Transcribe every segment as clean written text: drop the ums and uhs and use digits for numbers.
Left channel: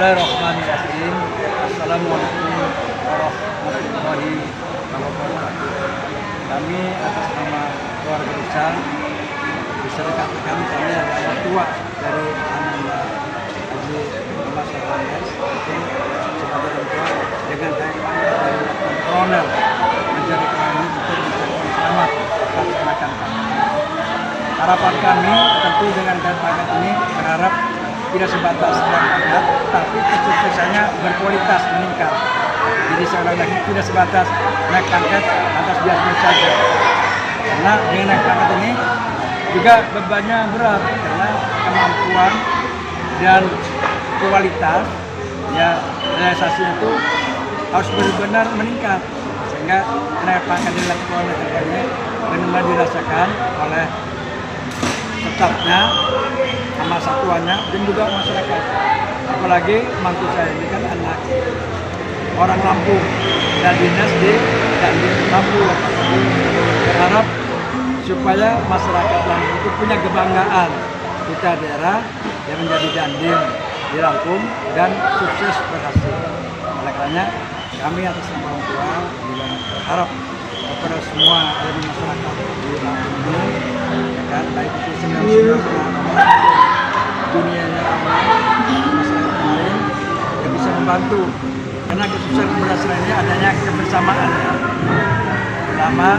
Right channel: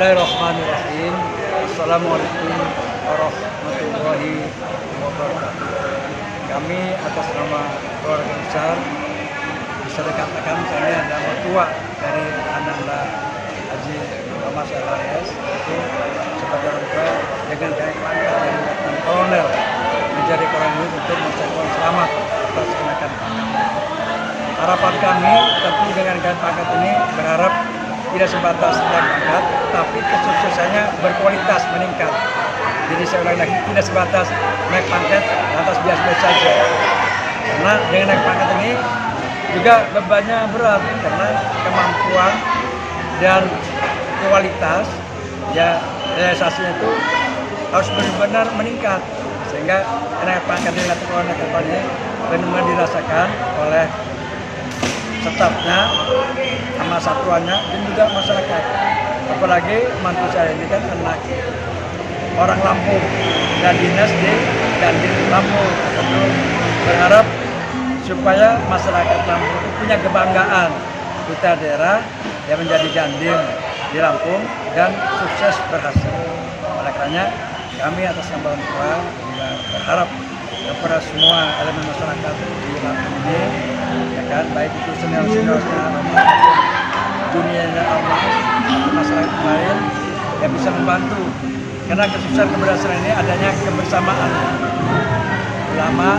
Bismillahirrahmanirrahim. Assalamualaikum warahmatullahi wabarakatuh. Kami atas nama keluarga besar bisa dikatakan kami adalah tua dari Ananda Haji Muhammad Syahbandar itu sebagai orang dengan dari Letnan Kolonel menjadi kolonel untuk mengucapkan selamat atas kenaikan pangkat. Harapan kami tentu dengan pangkat ini berharap tidak sebatas dan pangkat, tapi kesuksesannya berkualitas meningkat. Jadi saya ulang lagi, tidak sebatas naik pangkat lantas biasa saja. Karena dengan naik pangkat ini juga bebannya berat karena kemampuan dan kualitas ya realisasinya itu harus benar-benar meningkat sehingga naik pangkat di lakukan depannya benar-benar dirasakan oleh stafnya sama satuannya dan juga masyarakat. Apalagi mantu saya ini kan anak orang Lampung dan dinas di Lampung. Berharap supaya masyarakat Lampung itu punya kebanggaan kita daerah yang menjadi Dandim di Lampung dan sukses berhasil. Oleh karena kami atas nama orang tua berharap kepada semua elemen masyarakat di Lampung ini, baik itu senior-seniornya, juniornya, masyarakat lain yang bisa membantu. Karena kesuksesan keberhasilan ini adanya kebersamaan ulama,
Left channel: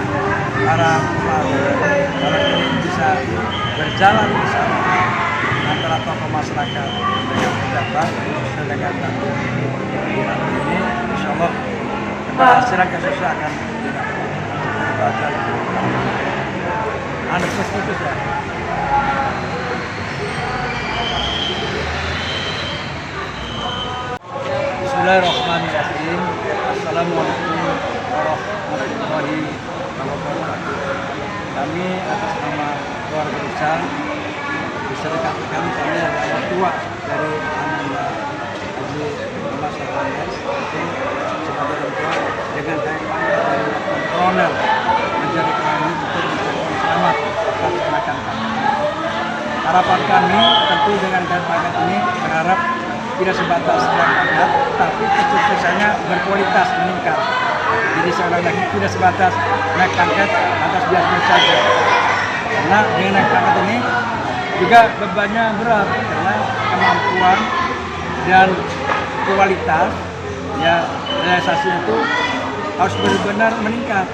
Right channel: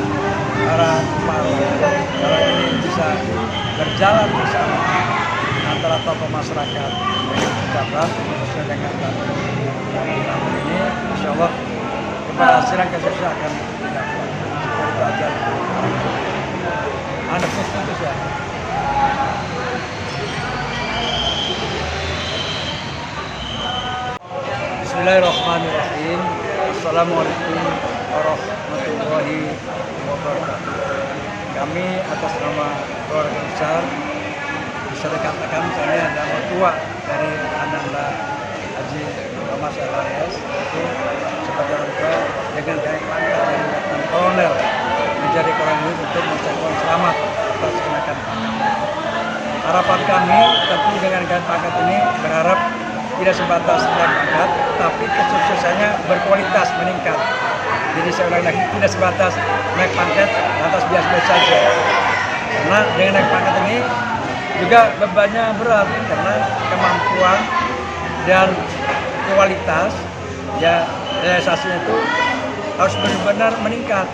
para ini bisa berjalan bersama antara tokoh masyarakat dengan pejabat khususnya dengan Lampung. Di Lampung ini, insya Allah keberhasilan kesuksesan akan didapat. Itu aja. Anda setuju ya? Bismillahirrahmanirrahim. Assalamualaikum warahmatullahi wabarakatuh. Kami atas nama keluarga besar bisa dikatakan kami adalah tua dari Ananda Haji Muhammad Syahbandar itu sebagai orang tua dengan dari Letnan Kolonel menjadi kolonel untuk mengucapkan selamat atas kenaikan pangkat. Harapan kami tentu dengan pangkat ini berharap tidak sebatas dan pangkat, tapi kesuksesannya berkualitas meningkat. Jadi saya ulang lagi, tidak sebatas naik pangkat lantas biasa saja. Karena dengan naik pangkat ini juga bebannya berat karena kemampuan dan kualitas ya realisasinya itu harus benar-benar meningkat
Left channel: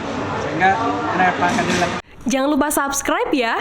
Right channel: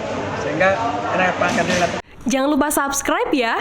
sehingga naik pangkat ini. Jangan lupa subscribe ya.